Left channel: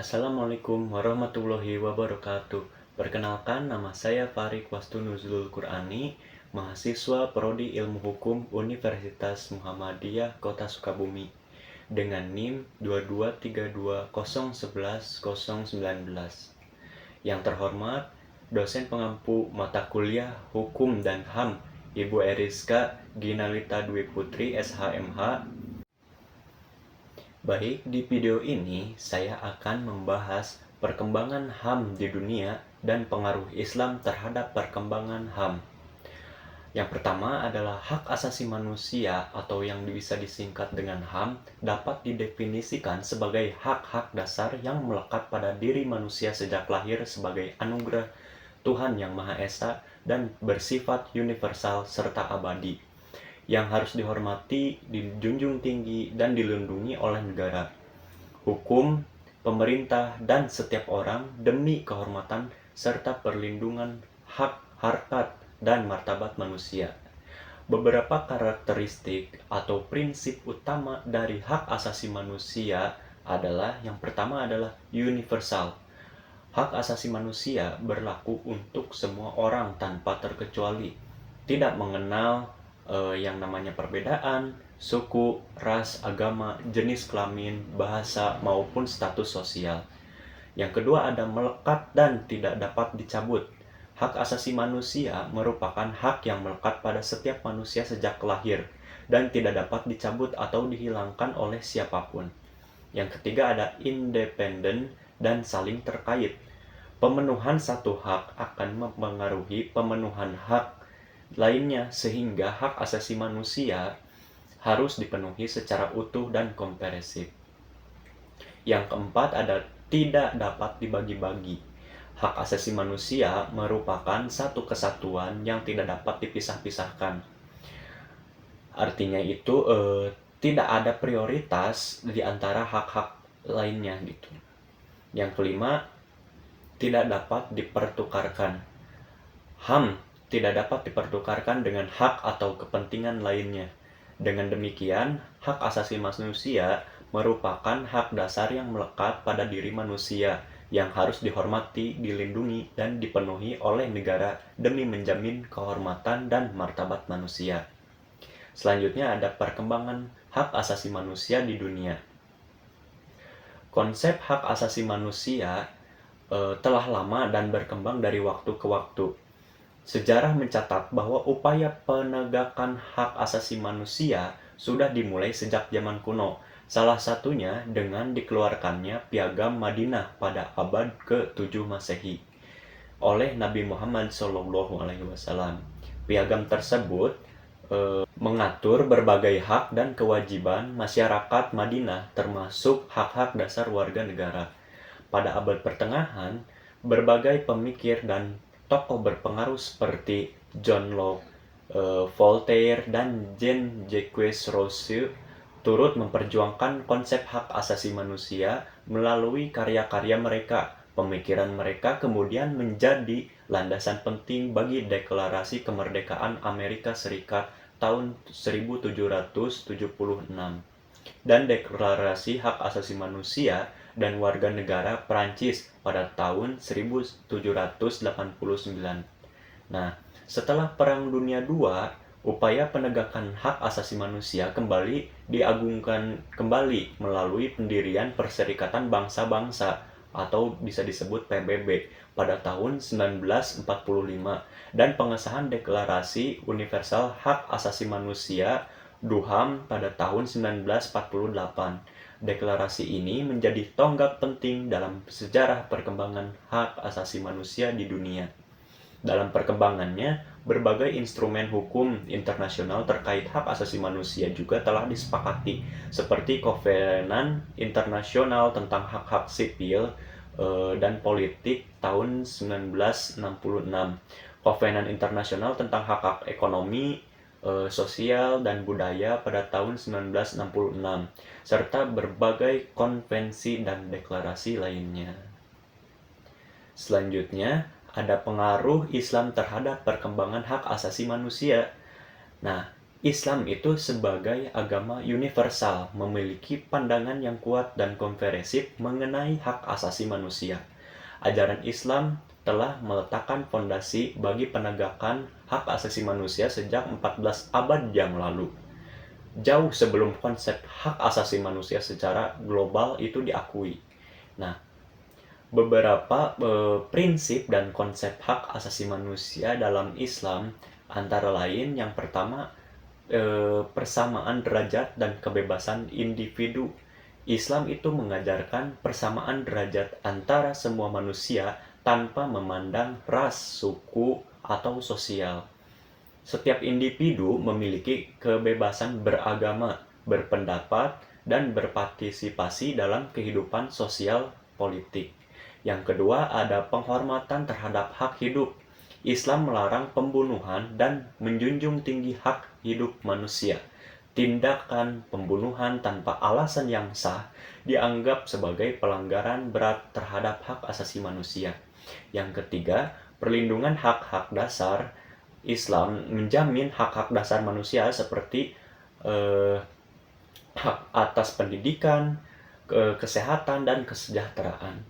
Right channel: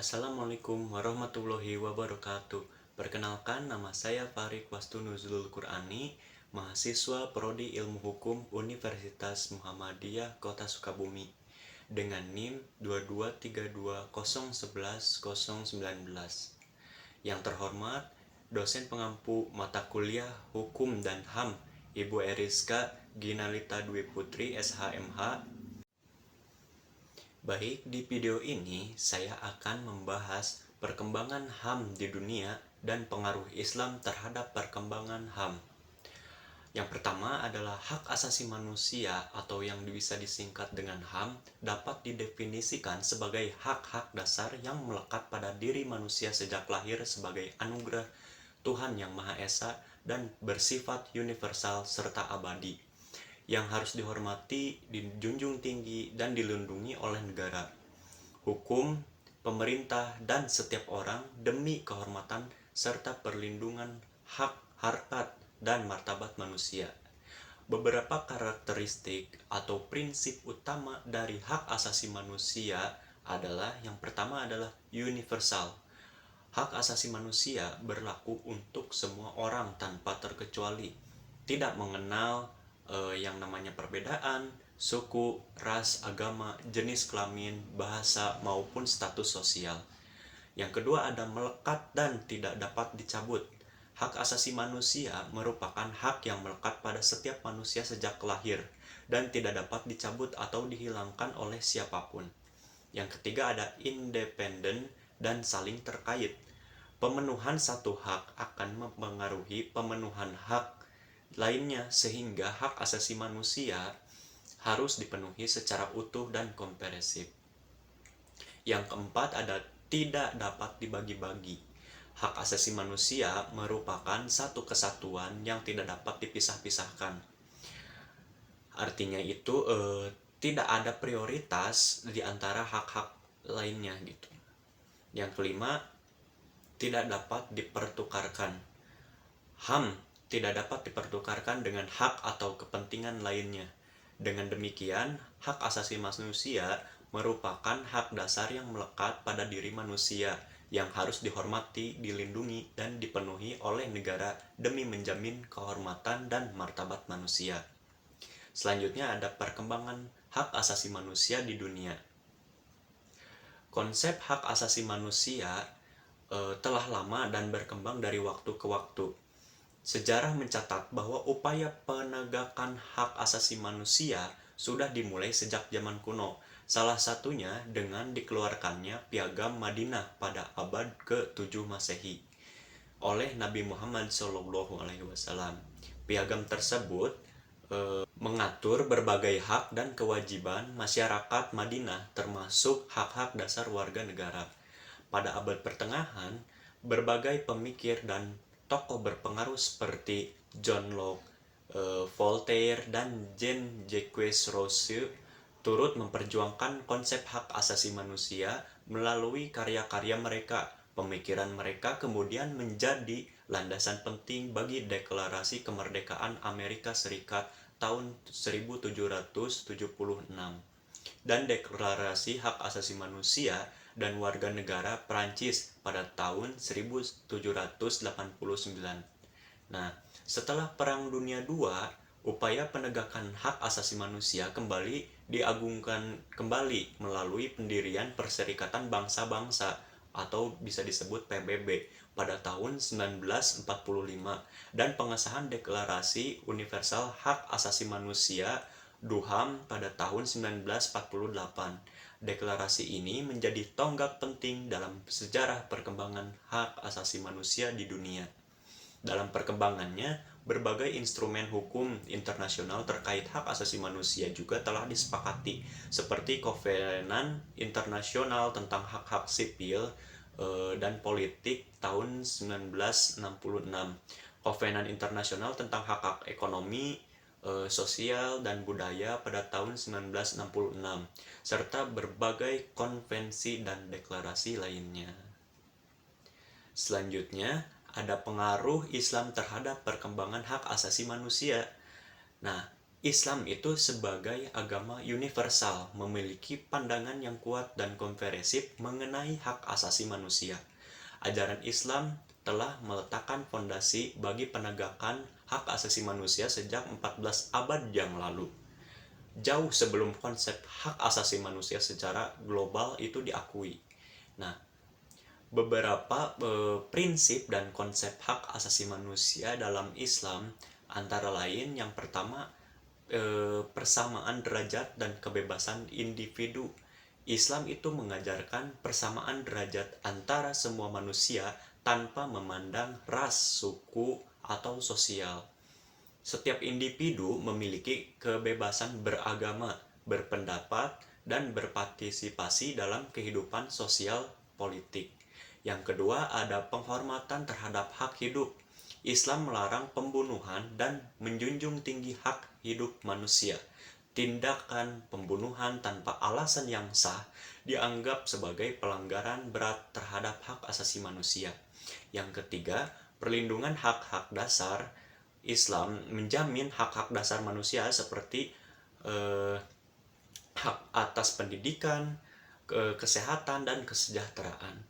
Assalamualaikum warahmatullahi wabarakatuh. Perkenalkan, nama saya Farik Wastu Nuzulul Qur'ani, mahasiswa Prodi Ilmu Hukum Universitas Muhammadiyah Kota Sukabumi dengan NIM 22320110019. Yang terhormat, dosen pengampu mata kuliah Hukum dan HAM, Ibu Eriska Ginalita Dwi Putri SHMH. Baik, di video ini saya akan membahas perkembangan HAM di dunia dan pengaruh Islam terhadap perkembangan HAM. Yang pertama adalah hak asasi manusia atau yang bisa disingkat dengan HAM dapat didefinisikan sebagai hak-hak dasar yang melekat pada diri manusia sejak lahir sebagai anugerah Tuhan Yang Maha Esa dan bersifat universal serta abadi, yang harus dihormati, dijunjung tinggi, dan dilindungi oleh negara, hukum, pemerintah, dan setiap orang demi kehormatan serta perlindungan hak, harkat, dan martabat manusia. Beberapa karakteristik atau prinsip utama dari hak asasi manusia adalah, yang pertama adalah universal. Hak asasi manusia berlaku untuk semua orang tanpa terkecuali, tidak mengenal yang namanya perbedaan, suku, ras, agama, jenis kelamin, bahasa, maupun status sosial. Yang kedua ada melekat dan tidak dapat dicabut. Hak asasi manusia merupakan hak yang melekat pada setiap manusia sejak lahir dan tidak dapat dicabut atau dihilangkan oleh siapapun. Yang ketiga ada independen dan saling terkait. Pemenuhan satu hak akan mempengaruhi pemenuhan hak lainnya, sehingga hak asasi manusia harus dipenuhi secara utuh dan komprehensif. Yang keempat ada tidak dapat dibagi-bagi. Hak asasi manusia merupakan satu kesatuan yang tidak dapat dipisah-pisahkan. Artinya itu tidak ada prioritas di antara hak-hak lainnya gitu. Yang kelima, tidak dapat dipertukarkan. HAM tidak dapat dipertukarkan dengan hak atau kepentingan lainnya. Dengan demikian, hak asasi manusia merupakan hak dasar yang melekat pada diri manusia yang harus dihormati, dilindungi, dan dipenuhi oleh negara demi menjamin kehormatan dan martabat manusia. Selanjutnya ada perkembangan hak asasi manusia di dunia. Konsep hak asasi manusia telah lama dan berkembang dari waktu ke waktu. Sejarah mencatat bahwa upaya penegakan hak asasi manusia sudah dimulai sejak zaman kuno, salah satunya dengan dikeluarkannya Piagam Madinah pada abad ke-7 Masehi oleh Nabi Muhammad SAW. Piagam tersebut mengatur berbagai hak dan kewajiban masyarakat Madinah, termasuk hak-hak dasar warga negara. Pada abad pertengahan, berbagai pemikir dan tokoh berpengaruh seperti John Locke, Voltaire, dan Jean-Jacques Rousseau turut memperjuangkan konsep hak asasi manusia melalui karya-karya mereka. Pemikiran mereka kemudian menjadi landasan penting bagi Deklarasi Kemerdekaan Amerika Serikat tahun 1776 dan Deklarasi Hak Asasi Manusia dan Warga Negara Prancis pada tahun 1789. Nah, setelah Perang Dunia II, upaya penegakan hak asasi manusia kembali diagungkan kembali melalui pendirian Perserikatan Bangsa-Bangsa atau bisa disebut PBB pada tahun 1945 dan pengesahan Deklarasi Universal Hak Asasi Manusia (DUHAM) pada tahun 1948. Deklarasi ini menjadi tonggak penting dalam sejarah perkembangan hak asasi manusia di dunia. Dalam perkembangannya, berbagai instrumen hukum internasional terkait hak asasi manusia juga telah disepakati, seperti Kovenan Internasional tentang Hak-Hak Sipil dan Politik tahun 1966, Kovenan Internasional tentang Hak-Hak Ekonomi, Sosial, dan Budaya pada tahun 1966, serta berbagai konvensi dan deklarasi lainnya. Selanjutnya, ada pengaruh Islam terhadap perkembangan hak asasi manusia. Nah, Islam itu sebagai agama universal memiliki pandangan yang kuat dan komprehensif mengenai hak asasi manusia. Ajaran Islam telah meletakkan fondasi bagi penegakan hak asasi manusia sejak 14 abad yang lalu. Jauh sebelum konsep hak asasi manusia secara global itu diakui. Nah, beberapa prinsip dan konsep hak asasi manusia dalam Islam antara lain yang pertama persamaan derajat dan kebebasan individu. Islam itu mengajarkan persamaan derajat antara semua manusia tanpa memandang ras, suku, atau sosial. Setiap individu memiliki kebebasan beragama, berpendapat, dan berpartisipasi dalam kehidupan sosial politik. Yang kedua, ada penghormatan terhadap hak hidup. Islam melarang pembunuhan dan menjunjung tinggi hak hidup manusia. Tindakan pembunuhan tanpa alasan yang sah dianggap sebagai pelanggaran berat terhadap hak asasi manusia. Yang ketiga, perlindungan hak-hak dasar. Islam menjamin hak-hak dasar manusia seperti hak atas pendidikan, kesehatan, dan kesejahteraan.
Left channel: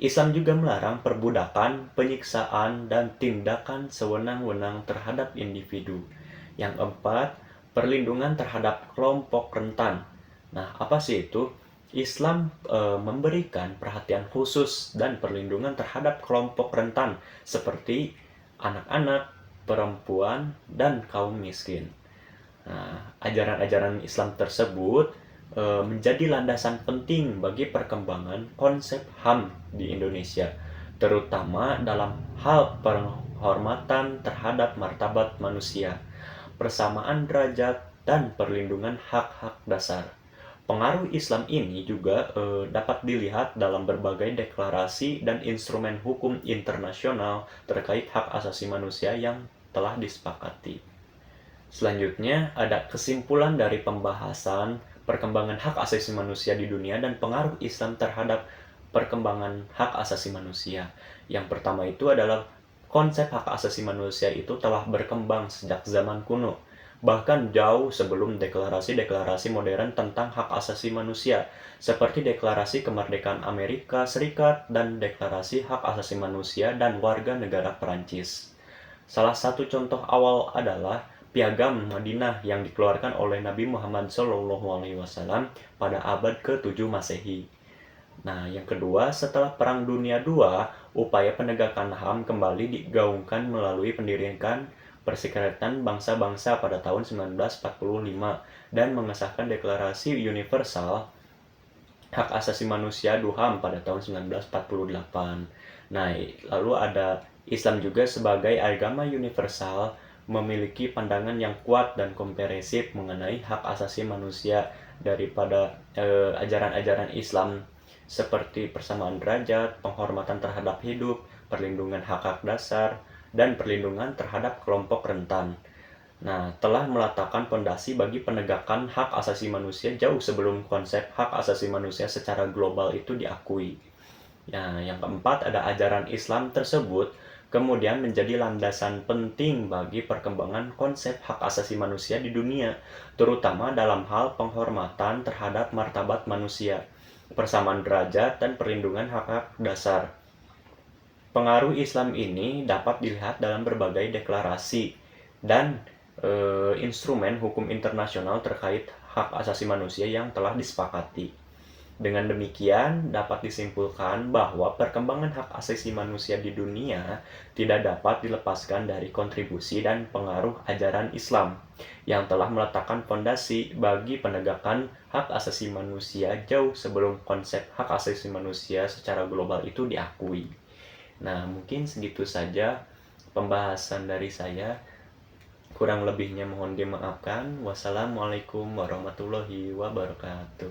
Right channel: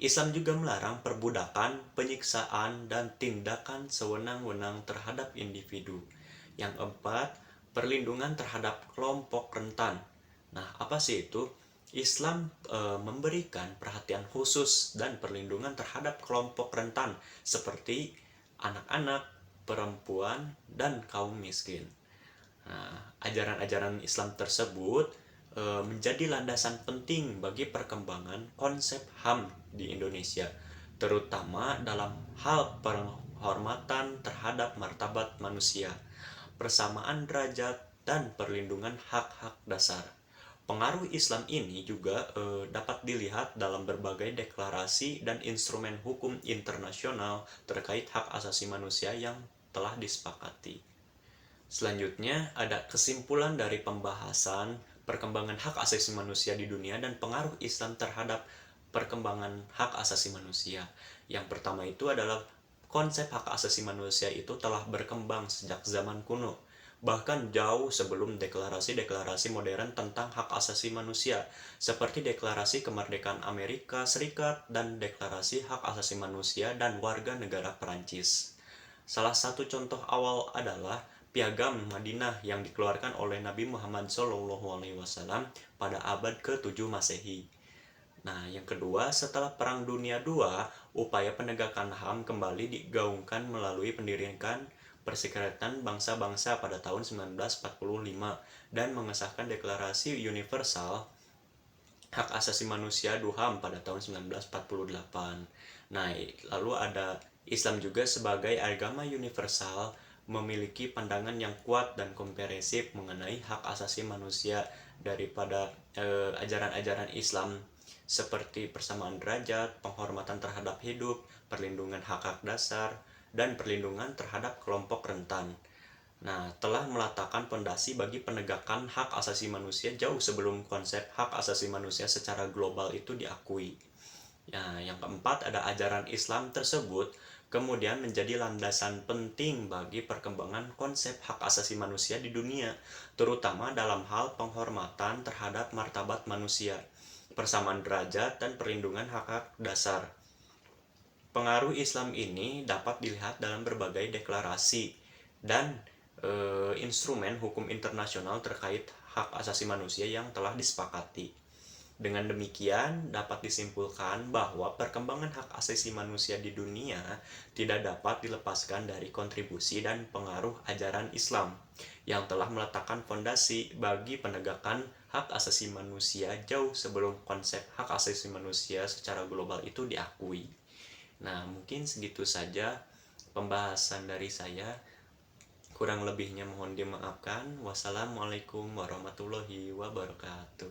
Islam juga melarang perbudakan, penyiksaan, dan tindakan sewenang-wenang terhadap individu. Yang keempat, perlindungan terhadap kelompok rentan. Nah, apa sih itu? Islam memberikan perhatian khusus dan perlindungan terhadap kelompok rentan seperti anak-anak, perempuan, dan kaum miskin. Nah, ajaran-ajaran Islam tersebut menjadi landasan penting bagi perkembangan konsep HAM di Indonesia, terutama dalam hal penghormatan terhadap martabat manusia, persamaan derajat, dan perlindungan hak-hak dasar. Pengaruh Islam ini juga dapat dilihat dalam berbagai deklarasi dan instrumen hukum internasional terkait hak asasi manusia yang telah disepakati. Selanjutnya, ada kesimpulan dari pembahasan perkembangan hak asasi manusia di dunia dan pengaruh Islam terhadap perkembangan hak asasi manusia. Yang pertama itu adalah konsep hak asasi manusia itu telah berkembang sejak zaman kuno, bahkan jauh sebelum deklarasi-deklarasi modern tentang hak asasi manusia, seperti Deklarasi Kemerdekaan Amerika Serikat dan Deklarasi Hak Asasi Manusia dan Warga Negara Perancis. Salah satu contoh awal adalah Piagam Madinah yang dikeluarkan oleh Nabi Muhammad SAW pada abad ke-7 Masehi. Nah, yang kedua, setelah Perang Dunia II, upaya penegakan HAM kembali digaungkan melalui pendirian Perserikatan Bangsa-Bangsa pada tahun 1945 dan mengesahkan Deklarasi Universal Hak Asasi Manusia (DUHAM) pada tahun 1948. Nah, lalu ada Islam juga sebagai agama universal memiliki pandangan yang kuat dan komprehensif mengenai hak asasi manusia daripada ajaran-ajaran Islam seperti persamaan derajat, penghormatan terhadap hidup, perlindungan hak-hak dasar, dan perlindungan terhadap kelompok rentan. Nah, telah meletakkan fondasi bagi penegakan hak asasi manusia jauh sebelum konsep hak asasi manusia secara global itu diakui. Nah, yang keempat ada ajaran Islam tersebut kemudian menjadi landasan penting bagi perkembangan konsep hak asasi manusia di dunia, terutama dalam hal penghormatan terhadap martabat manusia, persamaan derajat, dan perlindungan hak-hak dasar. Pengaruh Islam ini dapat dilihat dalam berbagai deklarasi dan instrumen hukum internasional terkait hak asasi manusia yang telah disepakati. Dengan demikian, dapat disimpulkan bahwa perkembangan hak asasi manusia di dunia tidak dapat dilepaskan dari kontribusi dan pengaruh ajaran Islam yang telah meletakkan fondasi bagi penegakan hak asasi manusia jauh sebelum konsep hak asasi manusia secara global itu diakui. Nah, mungkin segitu saja pembahasan dari saya. Kurang lebihnya mohon dimaafkan. Wassalamualaikum warahmatullahi wabarakatuh.